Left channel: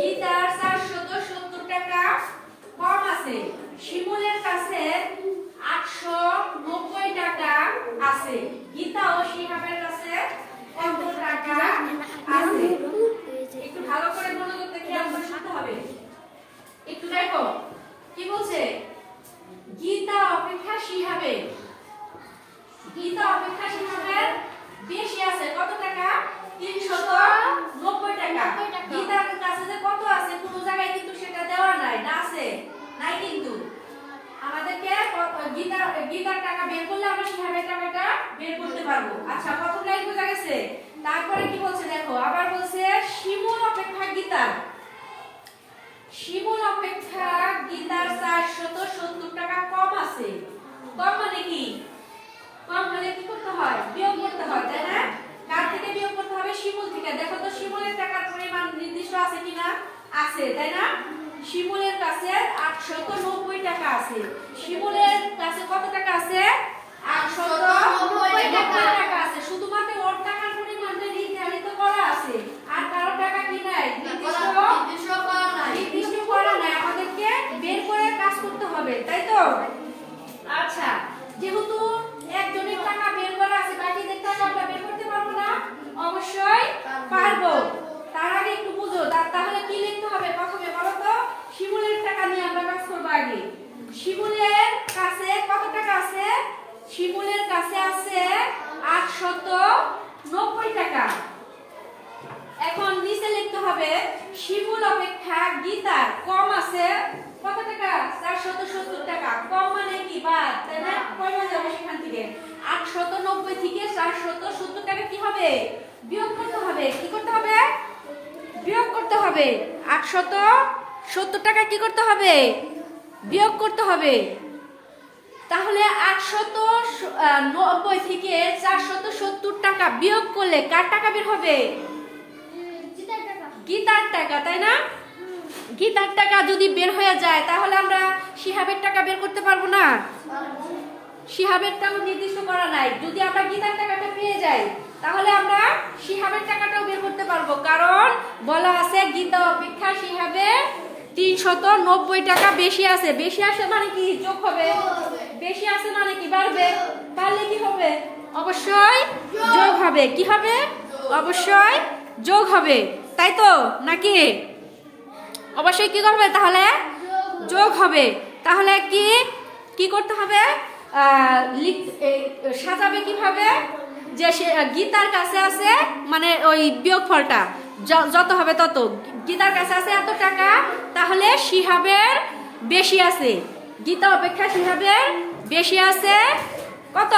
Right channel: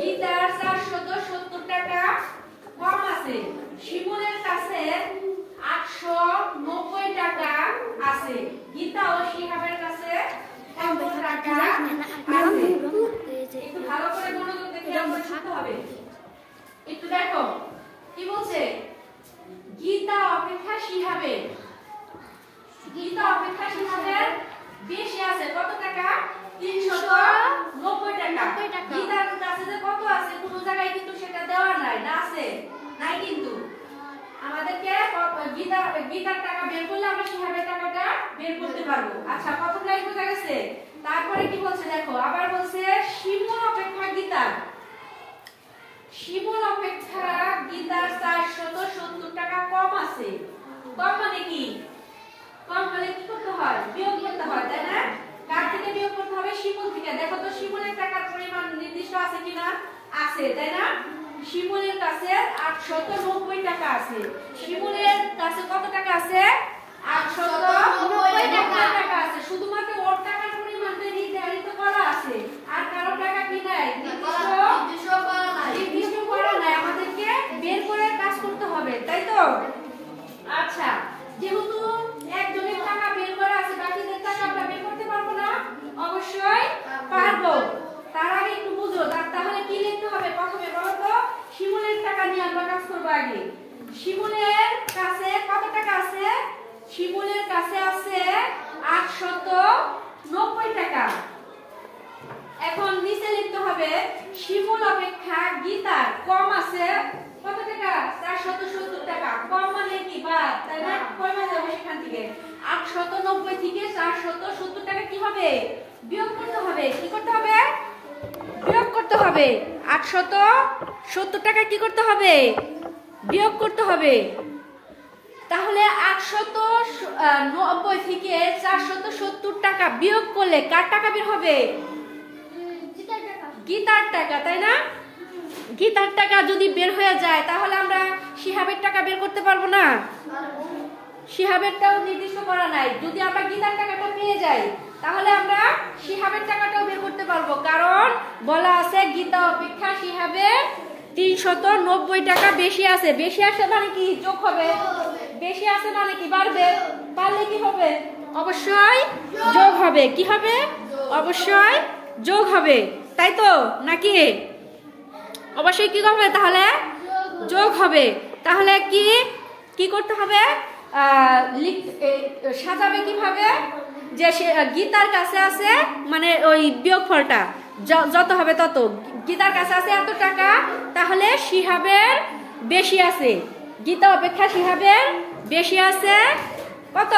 গীতার 470 টাকা কম আছে, শিমুলের কাছে 890 টাকা আছে। গীতা ও শিহাবের কাছে কত টাকা আছে? একটু ভালো করে মনোযোগ দিয়ে আমরা শুনতে হবে। একটু দেখো কি বলছে, গীতা অপেক্ষা শিহাবের বেশি আছে কত টাকা? 390 টাকা। গীতার কাছে যে কত আছে কোন জায়গায় কিন্তু সেটা দেওয়া নাই, না আছে? নাই কিন্তু। আমাদেরকে গীতার টাকা বের করলে আমরা শিহাবের টাকাটা বের করতে পারবো। আচ্ছা, প্রথম লাইন বোঝা গেছে? তারপরে কি বলছে দেখো, আবার বলছে শিমুল অপেক্ষা গীতার 470 টাকা কম আছে। কম মানে কি? কম হলে কি করতে হয়? বিয়োগ করতে হয়, তাই না? কার থেকে বিয়োগ করতে হবে? শিমুল থেকে। দেখো তো শিমুলের টাকার পরিমাণ নির্দিষ্ট আছে কিনা? আছে, তাই না? শিমুলের কাছে 890 টাকা আছে। শিমুলের কাছে কত টাকা আছে? 890 টাকা আছে। শুধুমাত্র ওর টাকার পরিমাণটা নির্ধারিত করা আছে, আর কারো টাকা কি নাই? নির্দিষ্ট করা নাই। আমাদেরকে বের করে কাজ করতে হবে, তাই তো? আচ্ছা, যেহেতু একজনের টাকা বের করা আছে, বাকিদের টাকা আমরা বের করতে পারবো না? অবশ্যই পারবো। তার আগে একটু বুঝো, তাহলে কি লিখতে হবে প্রথমে বলো তো? শিমুলের টাকা নিয়ে আমরা কাজ করবো আগে। শিমুলের কাছে কত টাকা আছে? শিমুলের কাছে আছে 890 টাকা। এখন নিচে লিখতে হবে শিমুল অপেক্ষা গীতার কম আছে কত টাকা? 470 টাকা। কম মানে কি? বাদ, তাই না? কমে যাবে সেখান থেকে। 890 থেকে 470 টাকা কি হবে? বিয়োগ করতে হবে। কি করতে হবে? বিয়োগ করতে হবে। 870 টাকা কি করতে হবে? বিয়োগ করতে হবে। তাহলে 890 থেকে 470 টাকা বিয়োগ করলে কার টাকা বের হবে? গীতার টাকা, তাই না? গীতার টাকা যদি বের হয়ে যায় তাহলে আমরা শিহাবের টাকা বের করতে পারবো না? শিহাবেরটাও নির্দিষ্ট করা নাই। যদি আমরা গীতার টাকাটা পেয়ে যাই তাহলে আমরা শিহাবের টাকাটাও বের করতে পারবো, কারণ বলা আছে গীতা অপেক্ষা শিহাবের 390 টাকা বেশি আছে। বেশি আছে মানে কি? যোগ হবে। বেশি আছে মানে কি? বাড়বে। বাড়লে কি হবে? অবশ্যই যোগ হবে। কি হবে? অবশ্যই যোগ হবে, তাই তো? নাকি অবশ্যই কি করবে? তাহলে যোগ হবে। তাহলে কি কি করতে হবে? সাজাবে কিভাবে? যে গীতার কাছে আছে মানে ওই বিয়োগফলটা যত হবে তত। গীতার কাছে আছে এত টাকা, তাহলে শিহাবের বেশি আছে। গীতা অপেক্ষা শিহাবের বেশি আছে কত?